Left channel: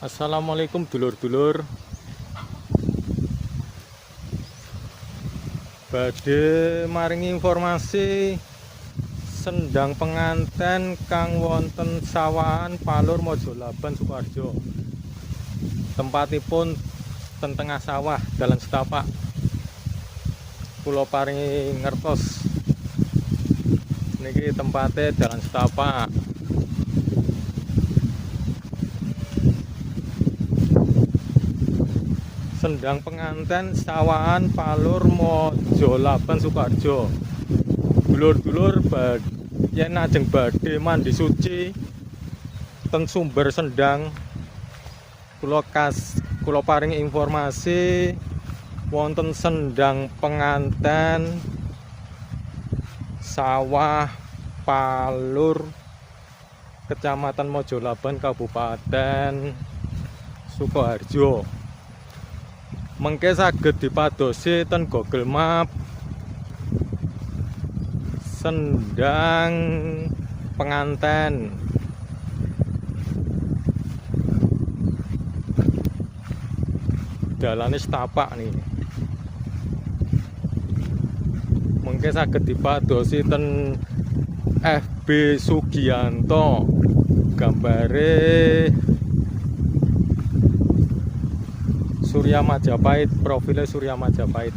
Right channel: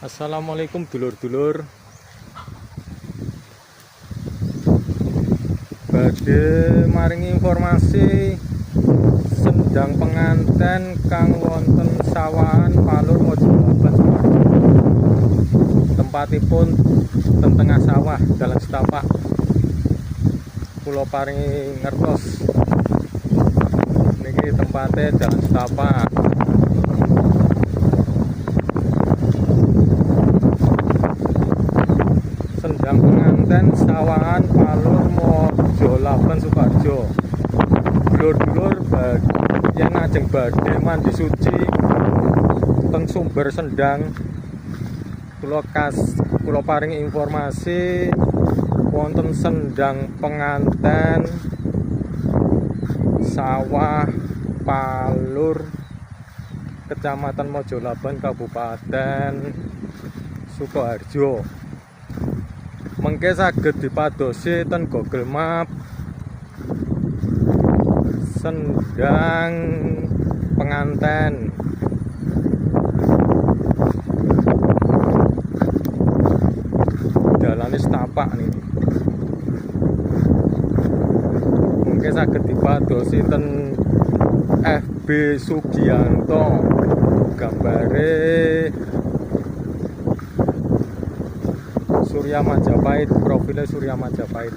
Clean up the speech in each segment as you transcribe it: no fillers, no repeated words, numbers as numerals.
Assalamualaikum dulur-dulur. Badhe maringi informasi sendang penganten kang wonten sawahan Palur Mojolaban Sukoharjo. Tempatipun ten tengah sawah dalan setapak. Kula paringi ngertos niki tempate dalan setapak. Sendang penganten sawahan Palur Mojolaban Sukoharjo. Dulur-dulur yen ajeng badhe mandi suci teng sumber sendang, kula paringi informasi wonten sendang penganten sawah Palur Kecamatan Mojolaban Kabupaten Sukoharjo. Mengke saged dipadosi ten Google Map sendang penganten. Dalane setapak nih. Mengke saged dipadosi ten FB Sugianto. Gambare Surya Majapahit, profile Surya Majapahit.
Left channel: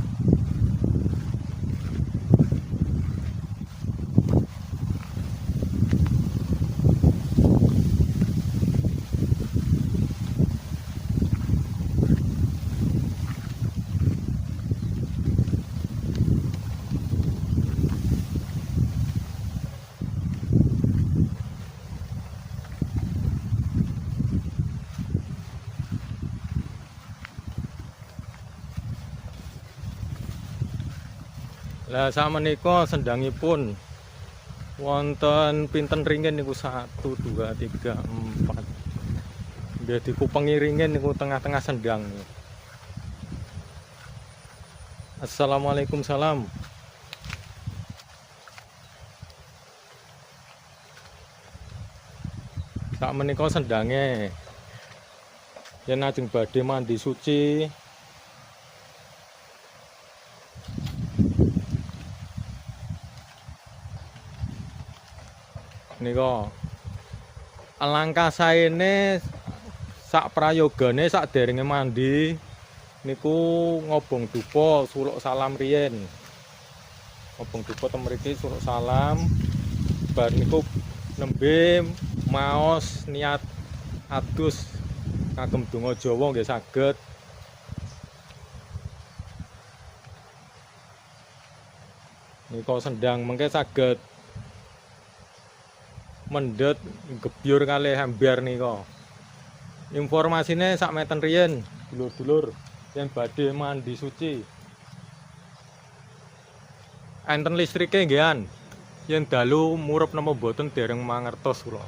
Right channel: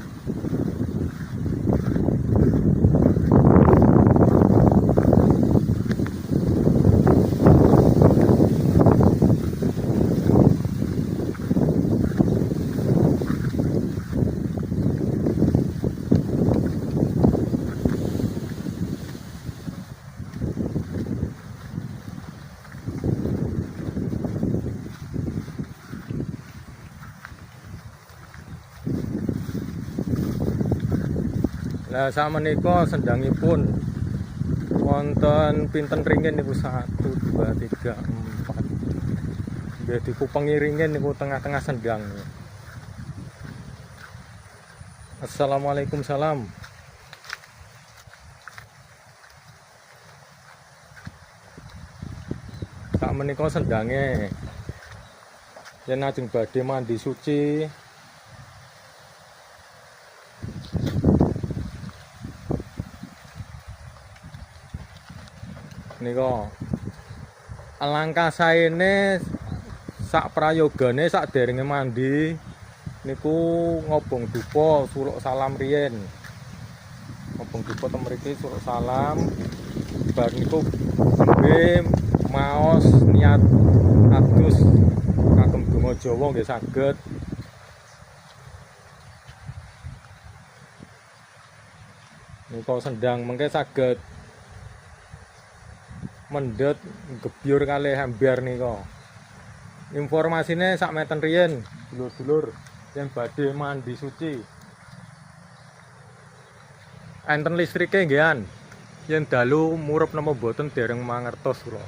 Lah sakmenika sendangipun wonten pinten ringin niku 1 2 3 4. Nggih dikupengi ringin niku tengah-tengah sendang. Assalamualaikum salam. Sakmenika sendange yen ajeng badhe mandi suci nika alangkah saene sak prayogane sak derenge mandi niku ngobong dupa suluk salam riyen. Ngobong dupa ten mriki suluk salam bar niku tembe maos niat adus kagem donga Jawa nggih saged. Nika sendang mengke saged mendhet gebyur kalih ember nika. Informasine sak meten riyen, dulur-dulur yen badhe mandi suci. Enten listrike nggih yen dalu murup napa mboten dereng mangertos kula.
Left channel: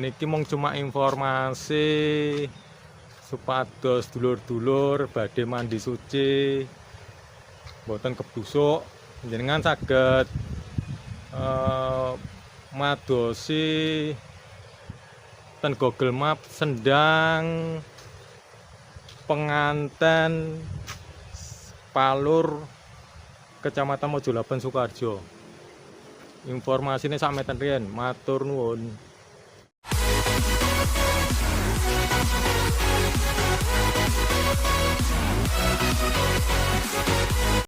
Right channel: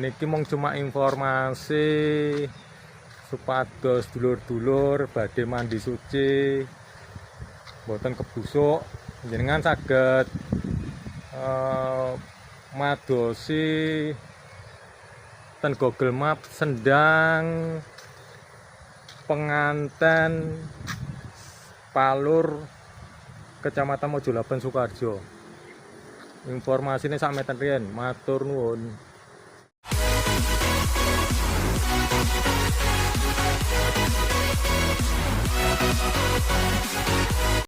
Niki mung cuma informasi supados dulur-dulur badhe mandi suci mboten kebusuk, jenengan saged madosi ten Google Map sendang penganten Palur Kecamatan Mojolaban Sukoharjo. Informasine sak meten riyen. Matur nuwun.